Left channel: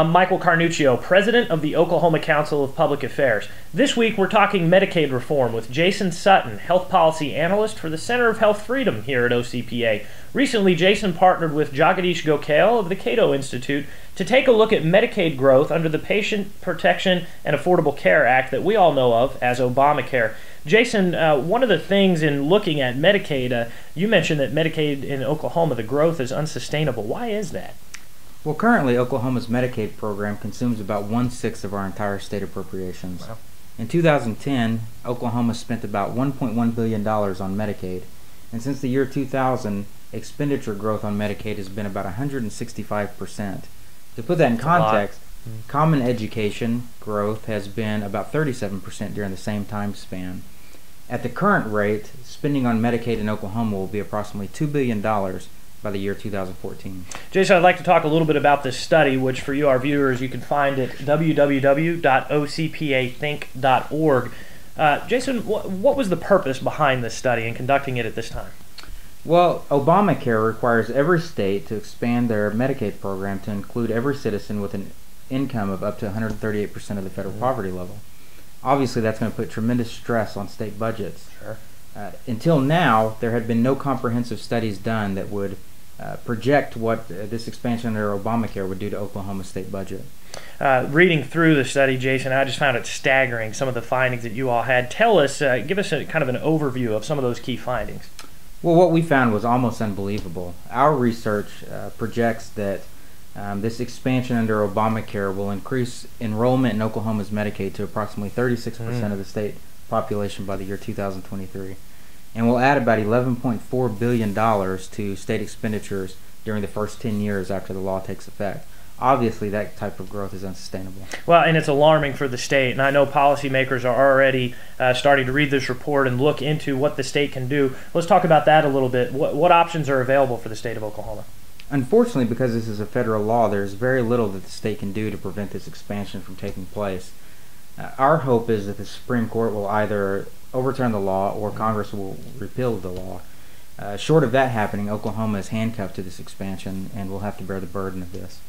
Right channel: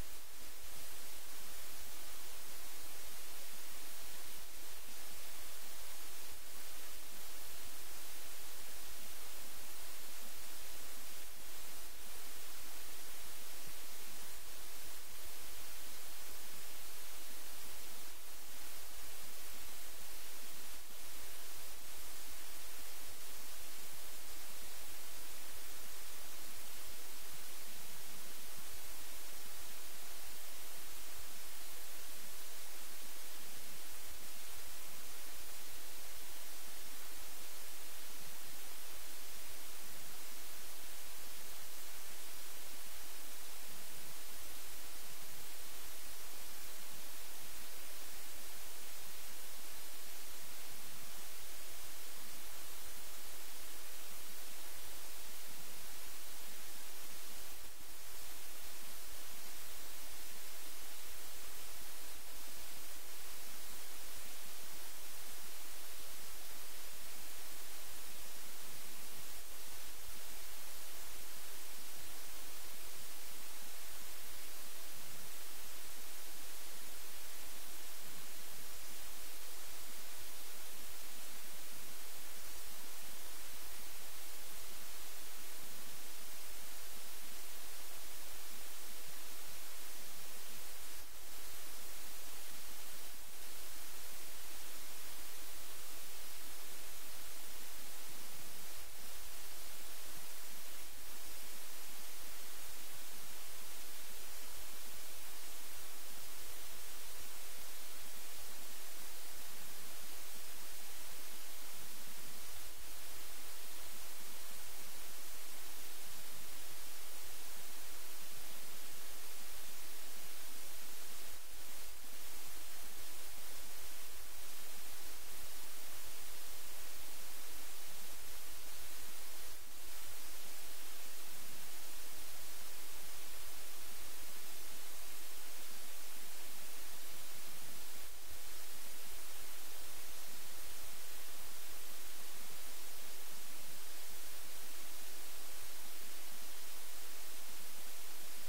I'm Michael Carnuccio, president of the Oklahoma Council of Public Affairs. This week we're talking Medicaid reform with Jason Sutton, health policy analyst for the Center of Health Freedom here at OCPA. Recently, Jason partnered with Jagadish Gokhale of the Cato Institute to take a look at Medicaid growth under the Patient Protection and Affordable Care Act that we all know of as Obamacare. Jason, one of the things in looking at Medicaid, you mentioned that Medicaid in Oklahoma, the growth is unsustainable. Why is that? Well, currently, Oklahoma's Medicaid program consumes about 1/6 of our entire state appropriations. Wow. In 2010, Oklahoma spent about $1.1 billion on Medicaid, and since the year 2000, expenditure growth on Medicaid has been about 165%. To put that in context, common education growth has been about 37% during the same time span. At the current rate, spending on Medicaid in Oklahoma will be approximately $2 billion by the year 2014. Jason, I'd like to talk a little bit about this study, which for you, our viewers, you can find at www.ocpathink.org. Jason, what was the purpose behind this study and conducting it at this time? Well, Obamacare requires every state to expand their Medicaid program to include every citizen with an income of up to 138% of the federal poverty level. Obviously, that's going to put tremendous stress on state budgets. Sure. Until now, there had been no comprehensive studies done that would project what this expansion under Obamacare would do to Oklahoma's state budget. Reading through the study, Jason, I just found it staggering, some of the findings that you all had. Tell us, give us a kind of an overview of some of those key findings. Well, what we found was almost unbelievable. Our research projects that this expansion under Obamacare will increase enrollment in Oklahoma's Medicaid to approximately 36% of the state population by the year 2023, and will add about $11.4 billion to state expenditures during the first 10 years after the law takes effect. Obviously, that type of growth is unsustainable. Well, and it's alarming for the state, and I know policymakers are already starting to read this report and look into what the state can do. Let's talk about that a little bit. What options are available for the state of Oklahoma? Unfortunately, because this is a federal law, there's very little that the state can do to prevent this expansion from taking place. Our hope is that the Supreme Court will either overturn the law or Congress will repeal the law. Short of that happening, Oklahoma is handcuffed to this expansion and will have to bear the burden of this.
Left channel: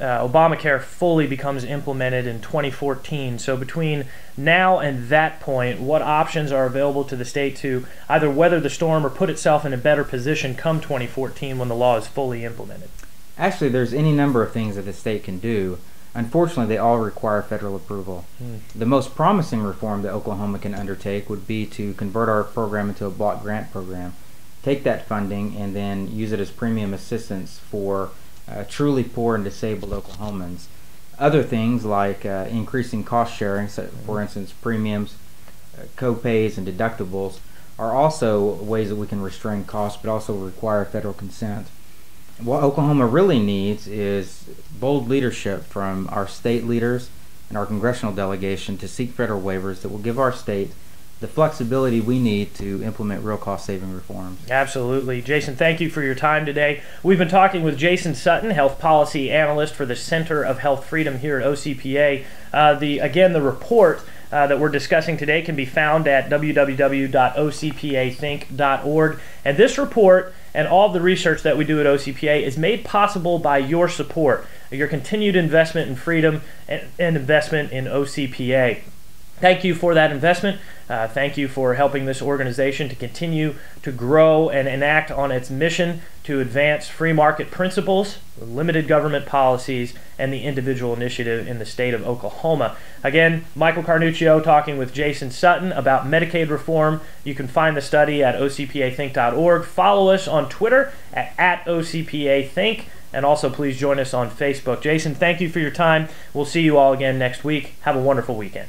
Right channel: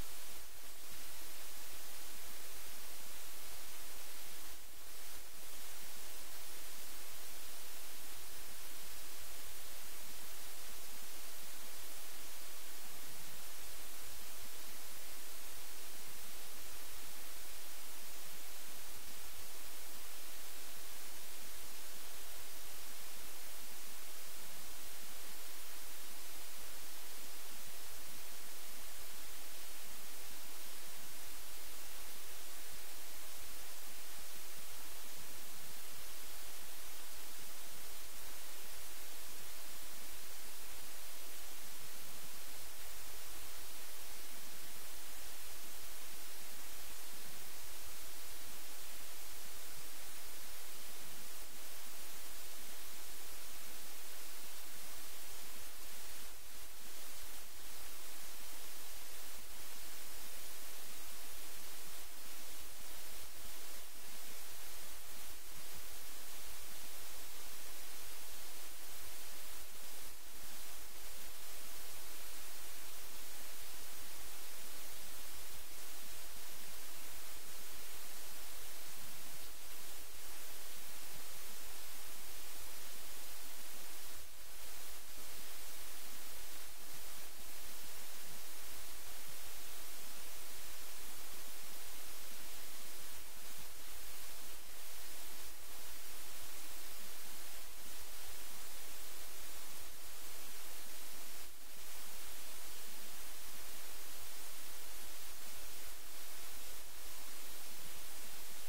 Obamacare fully becomes implemented in 2014. So between now and that point, what options are available to the state to either weather the storm or put itself in a better position come 2014 when the law is fully implemented? Actually, there's any number of things that the state can do. Unfortunately, they all require federal approval. The most promising reform that Oklahoma can undertake would be to convert our program into a block grant program, take that funding, and then use it as premium assistance for truly poor and disabled Oklahomans. Other things like increasing cost sharing, for instance premiums, co-pays, and deductibles, are also ways that we can restrain costs but also require federal consent. What Oklahoma really needs is bold leadership from our state leaders and our congressional delegation to seek federal waivers that will give our state the flexibility we need to implement real cost-saving reforms. Absolutely. Jason, thank you for your time today. We've been talking with Jason Sutton, health policy analyst for the Center of Health Freedom here at OCPA. Again, the report that we're discussing today can be found at www.ocpathink.org. And this report and all the research that we do at OCPA is made possible by your support, your continued investment in freedom and investment in OCPA. Thank you for that investment. Thank you for helping this organization to continue to grow and enact on its mission to advance free market principles, limited government policies, and the individual initiative in the state of Oklahoma. Again, Michael Carnuccio talking with Jason Sutton about Medicaid reform. You can find the study at ocpathink.org. Follow us on Twitter at OCPAthink, and also please join us on Facebook. Jason, thank you for your time. We'll see you all again next week. Have a wonderful weekend.